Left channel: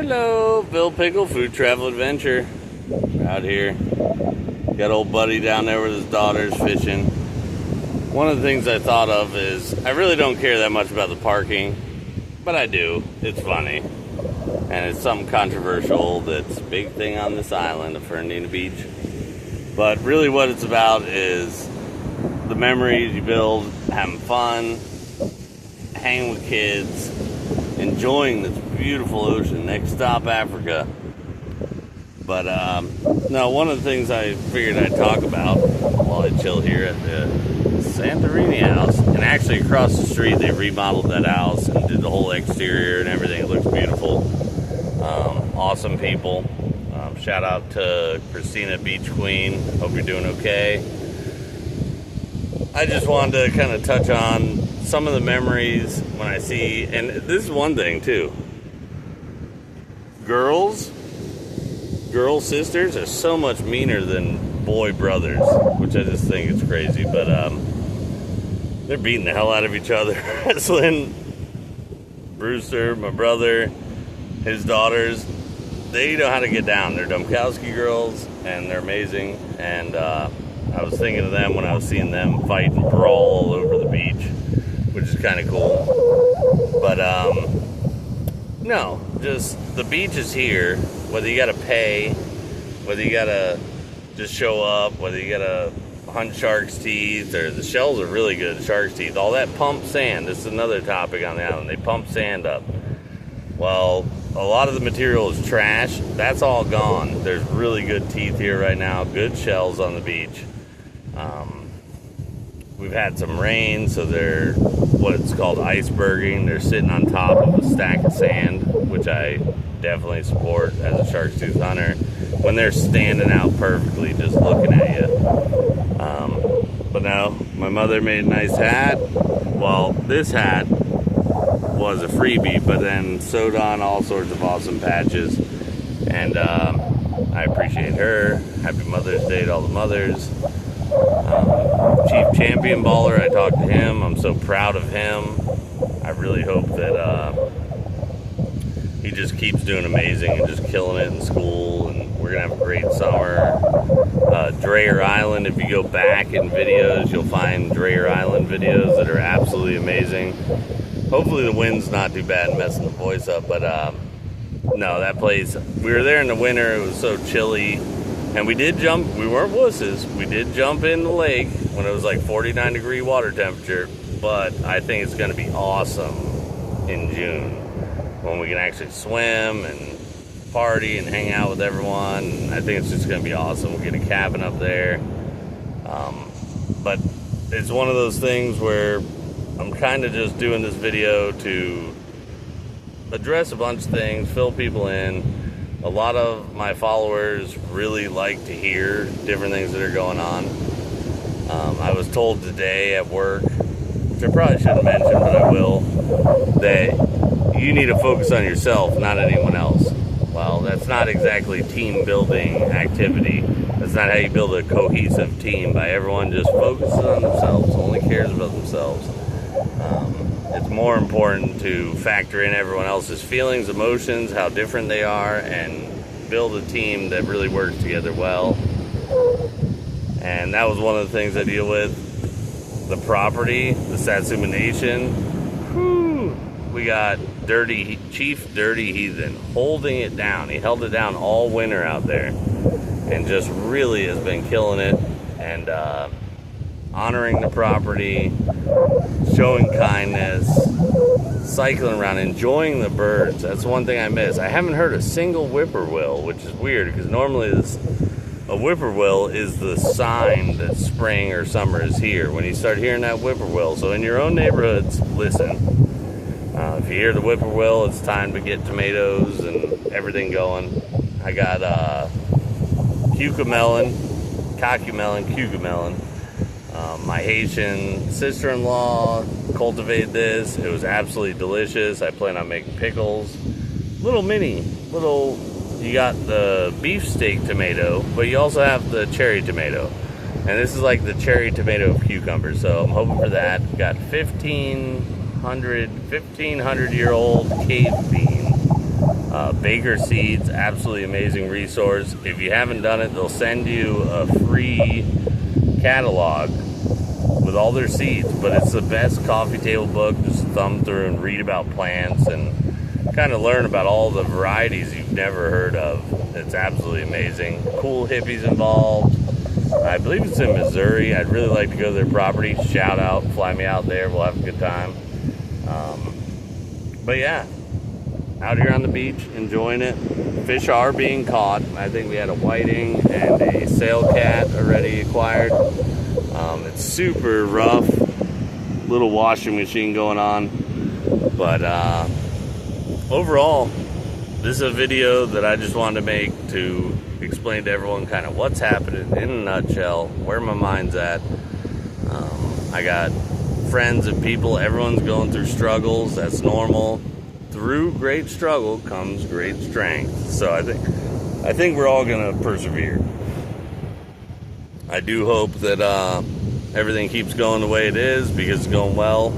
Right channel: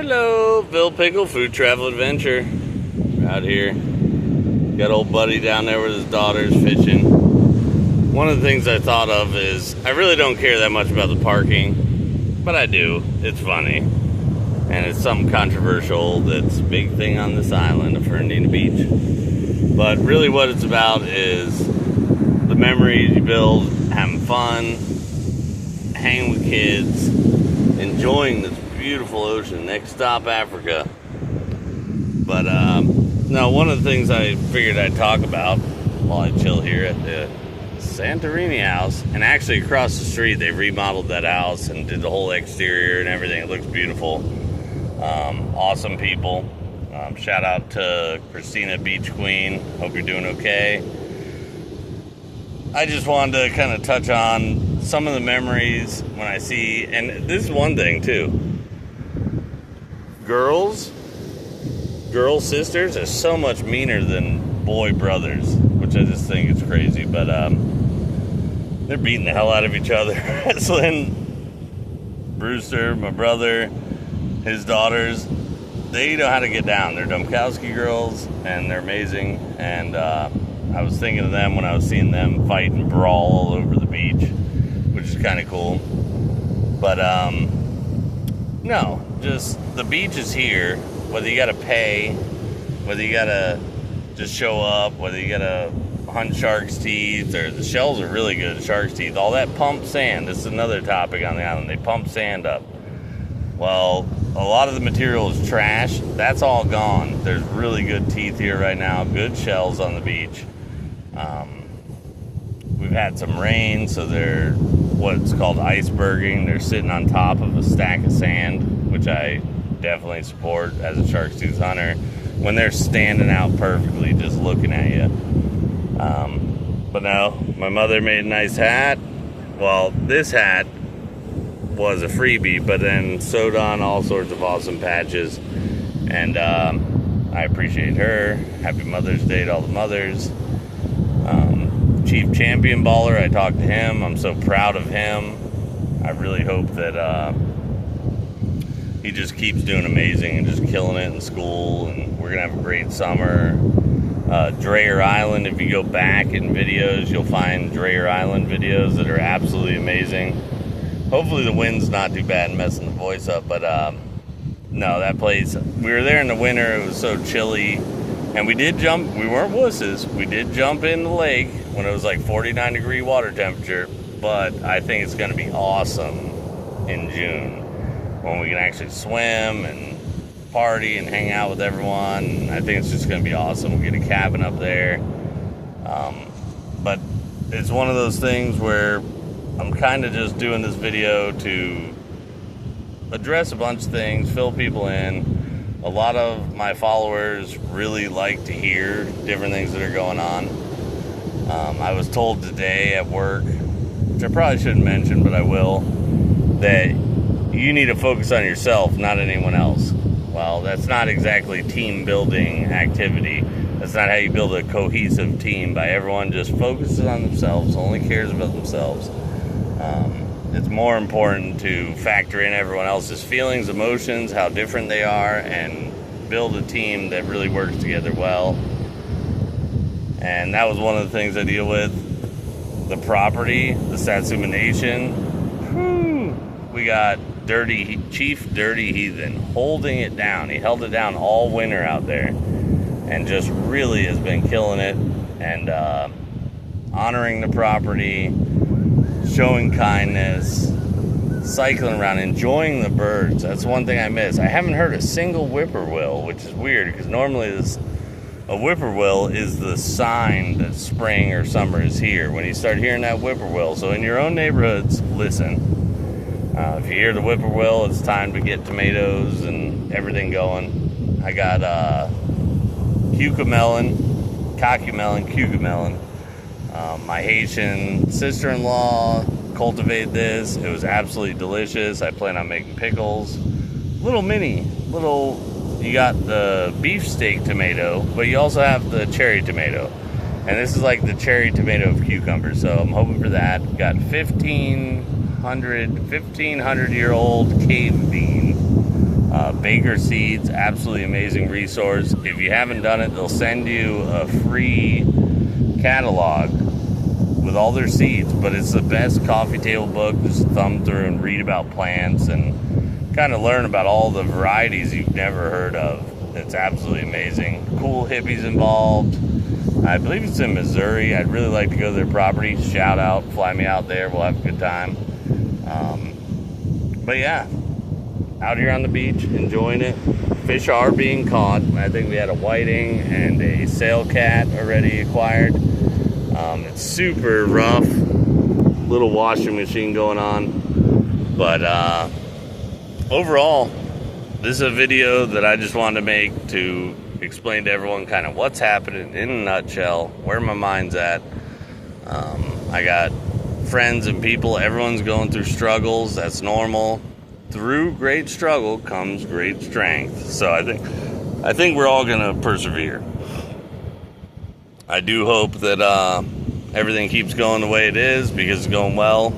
Hello, Bill Pickle Food Travel Adventure. We're out here. Got old buddy down there with his daughters fishing. One of the things I thought of is I really don't care that much about the parking, but I do. It's funny. And it's something controversial that's a big thing on this island of Fernandina Beach. But really what it's about is the memories you build, having fun, hanging with kids, enjoying this beautiful ocean. Next stop, Africa. But no, one of the things I figured I'd talk about while I chill here at the Santorini house, and actually across the street they remodeled that house and did the whole exterior and everything. It looks beautiful. Awesome people. Shout out to Christina Beach Queen. Hope you're doing okay. I just wanted to kind of touch on some of the memories when I see, and this is one thing too. Girl sisters are so much meaner than boy brothers, which I just think is crazy. But they're beating the hell out of each other. Wrestling. Brewster, my brother, his daughters, they know how to get down. They're Domkowski girls, and they're amazing. And I was thinking of them when I was seeing them fight and brawl all over the beach, which is kind of cool. But no, just the beach is here. Whether you gotta pay, whether you gotta just show up, whether you gotta hunt shark's teeth, or the shells are really good, shark's teeth, all that pumped sand. This is another topic on the island. They pump sand up. Well, a lot of the material is trash. That's all gone. There's really good teeth here right now, good shells on the beach. We've had some rain, so they're what's called iceberging. They're sitting on top of a stack of sand, which I definitely support as a shark's tooth hunter, when they're standing out perfectly just looking at you. But no, my mother made a nice hat. Well, this hat was a freebie, but then sewed on all sorts of awesome patches, and I appreciate her. Happy Mother's Day to all the mothers. Chief Champion Baller, I talked to him. I'm so proud of him. I really hope that he just keeps doing amazing and just killing it in school, and we're gonna have a great summer. Dreyer Island, if you go back in videos, you'll find Dreyer Island videos that are absolutely amazing. Hopefully the wind's not too bad and messing the voice up, but no, that place, we were there in the winter. It was so chilly, and we did jump. We weren't wusses. We did jump in the lake when it was like 49-degree water temperature, but I think it's going to be awesome in June when we can actually swim and party and hang out with everyone. And I think it's just going to be awesome. We'll get a cabin up there. But it's one of those things where I'm kind of just doing this video to address a bunch of things, fill people in. A lot of my followers really like to hear different things that are going on. I was told today at work, which I probably shouldn't mention, but I will, that you need to focus on yourself, not anyone else. Well, that's not exactly team building activity. That's not how you build a cohesive team, by everyone just focuses on themselves, only cares about themselves. It's more important to factor in everyone else's feelings, emotions, how different they are, and build a team that really works together well. And that was one of the things I deal with. The property, the Satsuma Nation. Whew, we got Chief Dirty Heathen holding it down. He held it down all winter out there, and just really has been killing it, and honoring the property, showing kindness, cycling around, enjoying the birds. That's one thing I miss. I haven't heard a single whippoorwill, which is weird, because normally a whippoorwill is the sign that spring or summer is here, when you start hearing that whippoorwill. So in your own neighborhoods, listen. If you hear the whippoorwill, it's time to get tomatoes and everything going. I got cucamelon. My Haitian sister-in-law cultivated this. It was absolutely delicious. I plan on making pickles. You got the beefsteak tomato, but you also have the cherry tomato. And this is like the cherry tomato of cucumbers, so I'm hoping for that. Got 1,500-year-old cave bean Baker Seeds, absolutely amazing resource. If you haven't done it, they'll send you a free catalog with all their seeds, but it's the best coffee table book. Just thumb through and read about plants and kind of learn about all the varieties you've never heard of. It's absolutely amazing. Cool hippies involved. I believe it's in Missouri. I'd really like to go to their property. Shout out, fly me out there. We'll have a good time. But yeah, out here on the beach, enjoying it. Fish are being caught. I think we had a whiting and a sail cat already acquired. It's super rough. Little washing machine going on. But overall, this is a video that I just wanted to make to explain to everyone kind of what's happening in a nutshell, where my mind's at. I got friends and people, everyone's going through struggles. That's normal. Through great struggle comes great strength. So I think we're all gonna persevere. I do hope that everything keeps going the way it is, because it's going well.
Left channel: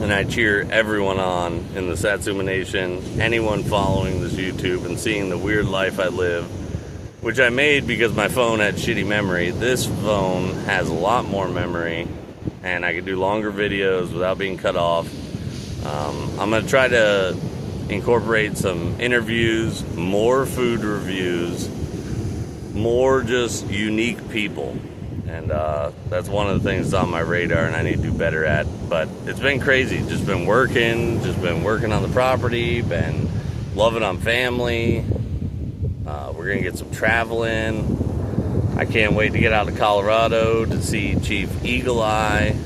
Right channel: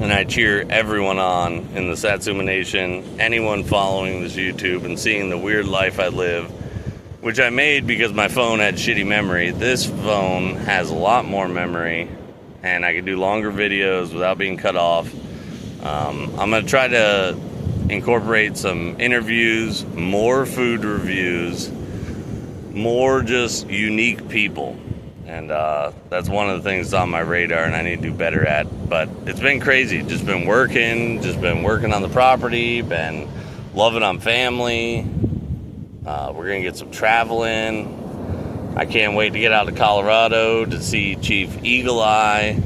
And I cheer everyone on in the Satsuma Nation, anyone following this YouTube and seeing the weird life I live, which I made because my phone had shitty memory. This phone has a lot more memory, and I can do longer videos without being cut off. I'm going to try to incorporate some interviews, more food reviews, more just unique people. And that's one of the things on my radar and I need to do better at. But it's been crazy. Just been working on the property, been loving on family. We're going to get some travel in. I can't wait to get out to Colorado to see Chief Eagle Eye.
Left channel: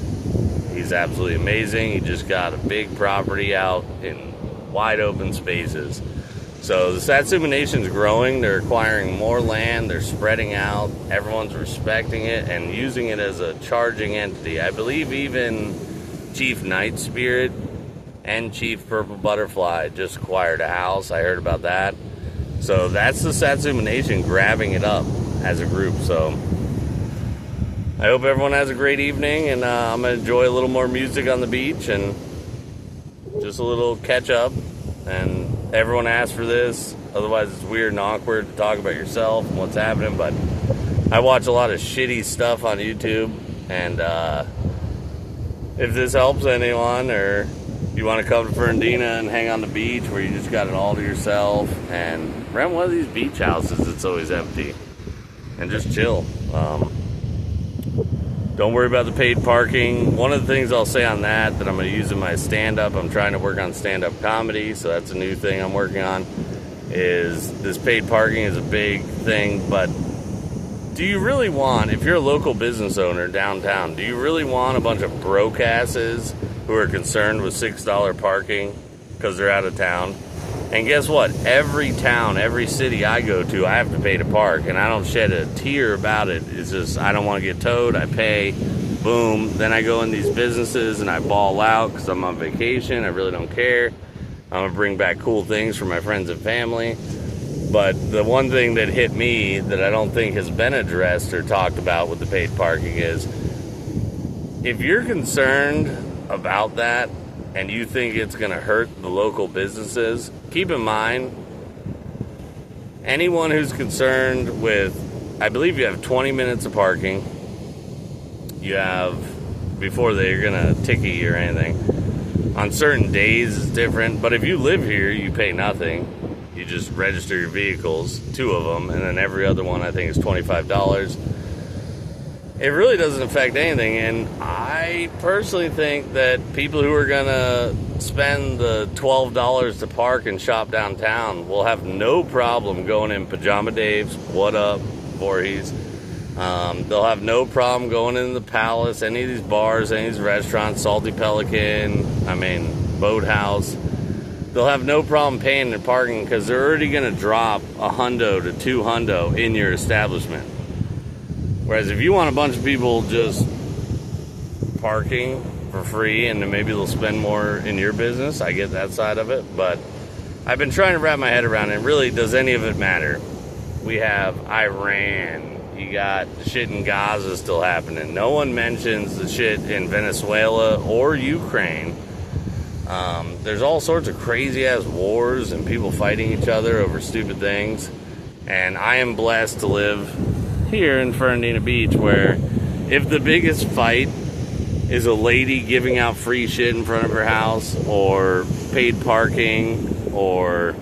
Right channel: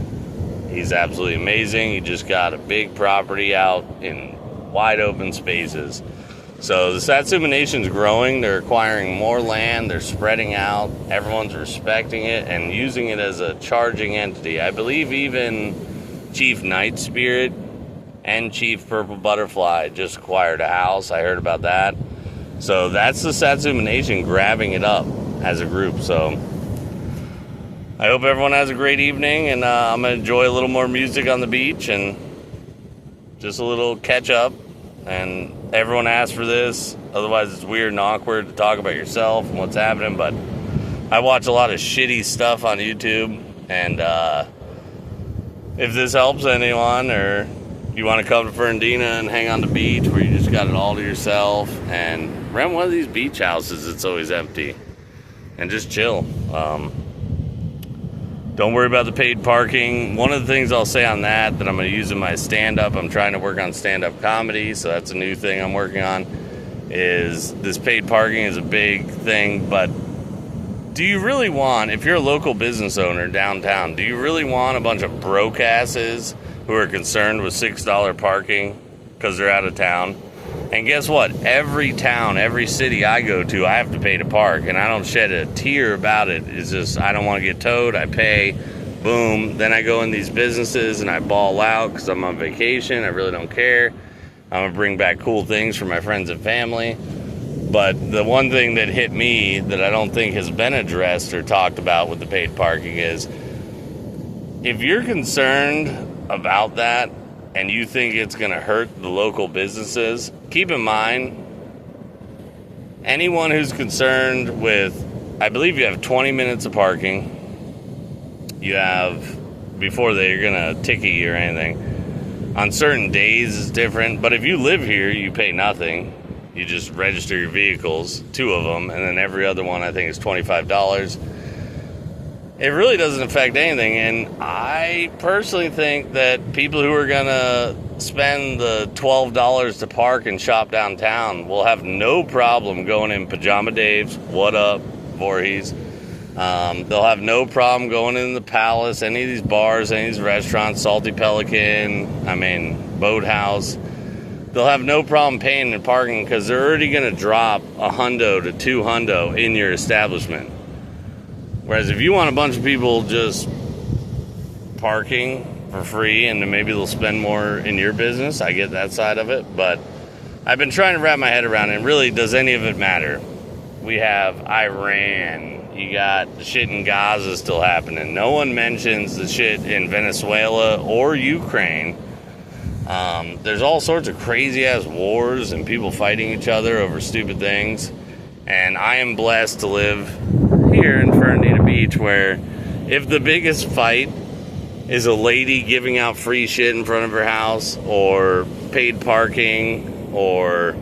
He's absolutely amazing. He just got a big property out in wide open spaces. So the Satsuma Nation's growing. They're acquiring more land. They're spreading out. Everyone's respecting it and using it as a charging entity. I believe even Chief Night Spirit and Chief Purple Butterfly just acquired a house. I heard about that. So that's the Satsuma Nation grabbing it up as a group. So I hope everyone has a great evening, and I'm going to enjoy a little more music on the beach and just a little catch up. And everyone asked for this, otherwise it's weird and awkward to talk about yourself and what's happening. But I watch a lot of shitty stuff on YouTube, and if this helps anyone, or you want to come to Fernandina and hang on the beach where you just got it all to yourself, and rent one of these beach houses that's always empty, and just chill. Don't worry about the paid parking. One of the things I'll say on that I'm going to use in my stand-up, I'm trying to work on stand-up comedy, so that's a new thing I'm working on, is this paid parking is a big thing. But do you really want, if you're a local business owner downtown, do you really want a bunch of broke asses who are concerned with $6 parking because they're out of town? And guess what? Every town, every city I go to, I have to pay to park, and I don't shed a tear about it. It's just, I don't want to get towed. I pay, boom. Then I go in these businesses and I ball out because I'm on vacation. I really don't care. I'm going to bring back cool things for my friends and family. But the one thing that hit me that I don't think has been addressed or talked about with the paid parking is, if you're concerned about that and you think it's going to hurt the local businesses, keep in mind, anyone who's concerned with, I believe you have 20 minutes of parking. You have, before they're going to ticket you or anything. On certain days it's different, but if you live here, you pay nothing. You just register your vehicles, 2 of them, and then every other one I think is $25. It really doesn't affect anything, and I personally think that people who are going to spend the $12 to park and shop downtown will have no problem going in Pajama Dave's, What Up, Voorhees. They'll have no problem going in the Palace, any of these bars, any of these restaurants, Salty Pelican, Boathouse. They'll have no problem paying and parking because they're already going to drop $100 to $200 in your establishment. Whereas if you want a bunch of people just parking for free and then maybe they'll spend more in your business, I get that side of it. But I've been trying to wrap my head around it. Really, does any of it matter? We have Iran. You got the shit in Gaza still happening. No one mentions the shit in Venezuela or Ukraine. There's all sorts of crazy ass wars and people fighting each other over stupid things. And I am blessed to live here in Fernandina Beach, where if the biggest fight is a lady giving out free shit in front of her house, or paid parking, or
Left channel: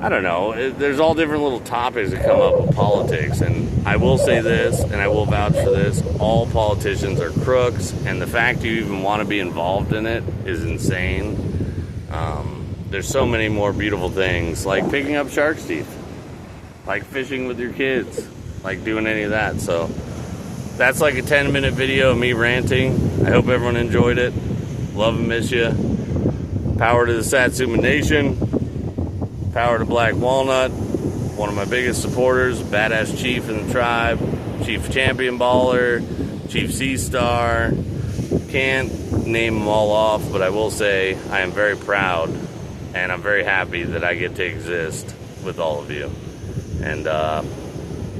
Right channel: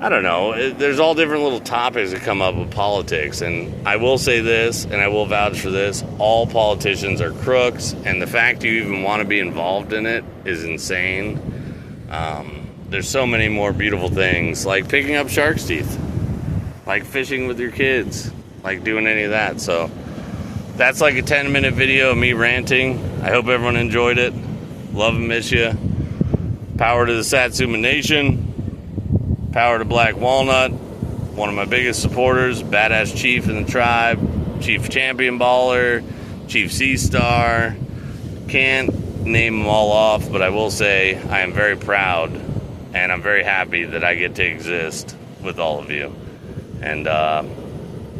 I don't know, there's all different little topics that come up with politics. And I will say this, and I will vouch for this, all politicians are crooks, and the fact you even want to be involved in it is insane. There's so many more beautiful things, like picking up shark's teeth, like fishing with your kids, like doing any of that. So that's like a 10-minute video of me ranting. I hope everyone enjoyed it. Love and miss you. Power to the Satsuma Nation. Power to Black Walnut. One of my biggest supporters, badass chief in the tribe, Chief Champion Baller, Chief Sea Star. Can't name them all off, but I will say I am very proud and I'm very happy that I get to exist with all of you. And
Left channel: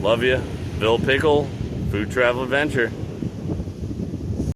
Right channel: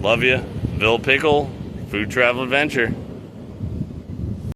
love you. Bill Pickle, Food Travel Adventure.